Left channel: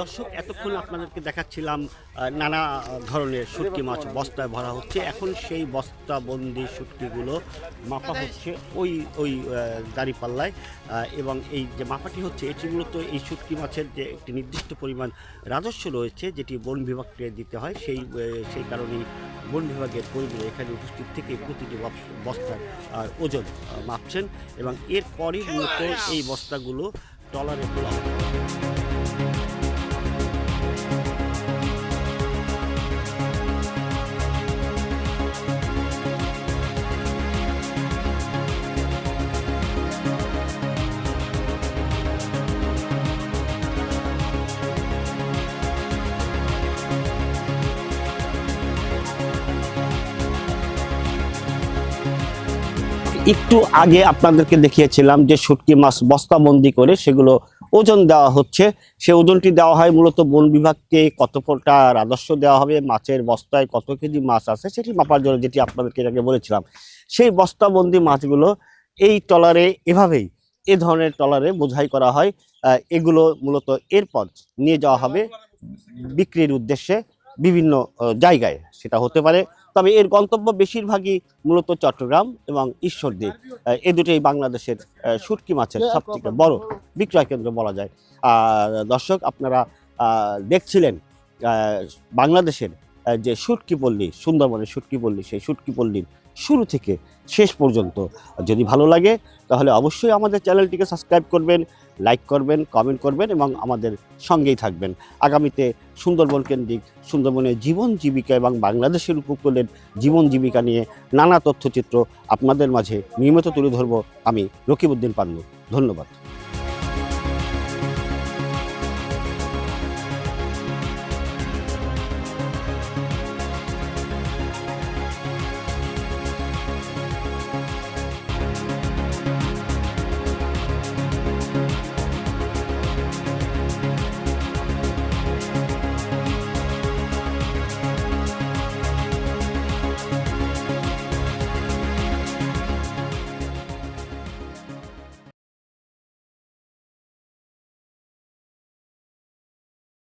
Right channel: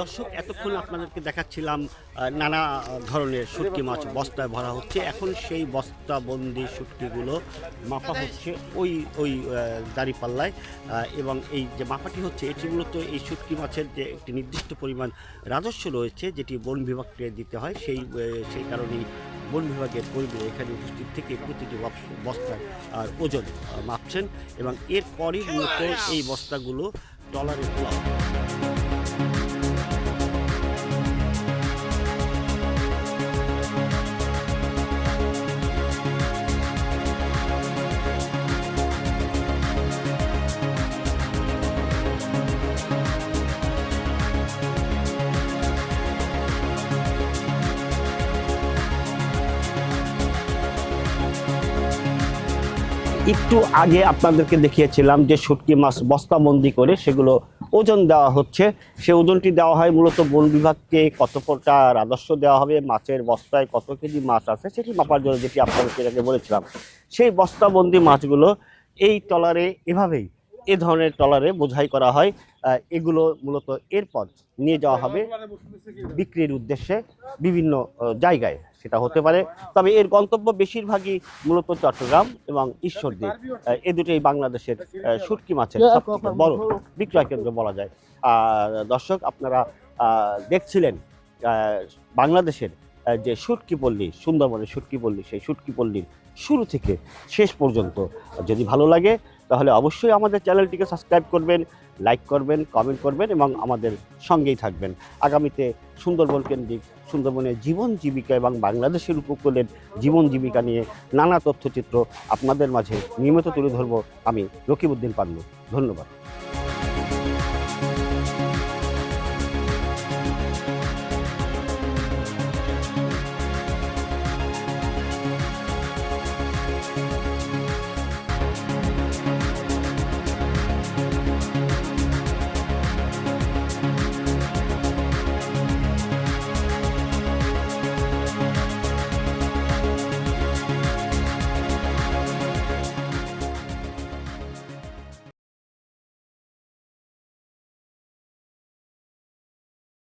দর্শক এতক্ষণ আপনাদেরকে দেখাচ্ছিলাম নানা ধরনের শুটকি মাছ বস্তায় ভরা হচ্ছে। এখন সেই বস্তাবন্দি শুটকিগুলো মাপা হচ্ছে ওই ওই দাঁড়িপাল্লায়, এবং এই যে মাপাটি হচ্ছে এটি মূলত এই শুটকি মাছের যে একটি নির্দিষ্ট পরিমাণ রাজস্ব রয়েছে যেটি বন বিভাগকে দিতে হয়, সেই কারণেই বন বিভাগের কর্মীরা এখানে উপস্থিত থেকে প্রতিটি বস্তার ওজন মাপছেন এবং এরপরই মূলত এই বস্তাগুলো ট্রলারে তোলা হবে। একটু আগে আপনাদেরকে দেখিয়েছিলাম যে শুটকি মাছ বস্তাবন্দি করে সেগুলো ওজন দেওয়া হচ্ছে। সে ওজনটি দেওয়া হয় মূলত বন বিভাগকে কতটা রাজস্ব দেওয়া হবে, মাছের বস্তায় কত কেজি মাছ আছে সেটি মাপার জন্য, যেটি আপনাদেরকে আগে বলেছিলাম। সেই বস্তাবন্দি মাছগুলো এই ট্রলারে এভাবেই এ ধরনের ট্রলারে বোঝাই করা হয়। এগুলো মূলত এরপর নিয়ে যাওয়া হবে বিক্রির উদ্দেশ্যে বিভিন্ন জায়গায়, সেটা হতে পারে, তবে এর গন্তব্য বেশিরভাগই মূলত চট্টগ্রাম এবং ঈশ্বরদী। এ দুটোই বাংলাদেশের শুটকি মাছের সবথেকে বড় বিক্রয় কেন্দ্র বলা যায়। দর্শক আপনারা দেখছিলেন বাংলাদেশের যে শুটকি পল্লী, সুন্দরবনের শুটকি পল্লী, সেই শুটকি পল্লীর শুরু থেকে শেষ পর্যন্ত। যদি ভালো লাগে তাহলে অবশ্যই আমাদের চ্যানেলটিকে সাবস্ক্রাইব করবেন, লাইক করবেন, কমেন্ট করবেন এবং আমাদের সঙ্গেই থাকবেন। আগামীতে সুন্দরবন কেন্দ্রিক, সুন্দরবনের জীবন জীবিকা এবং বাংলাদেশের উপকূলের জীবন জীবিকা নিয়ে নানা তথ্যচিত্র আপনাদের মাঝে নিয়মিত তুলে ধরব আমি রকিবউদ্দিন পান্নু। ধন্যবাদ।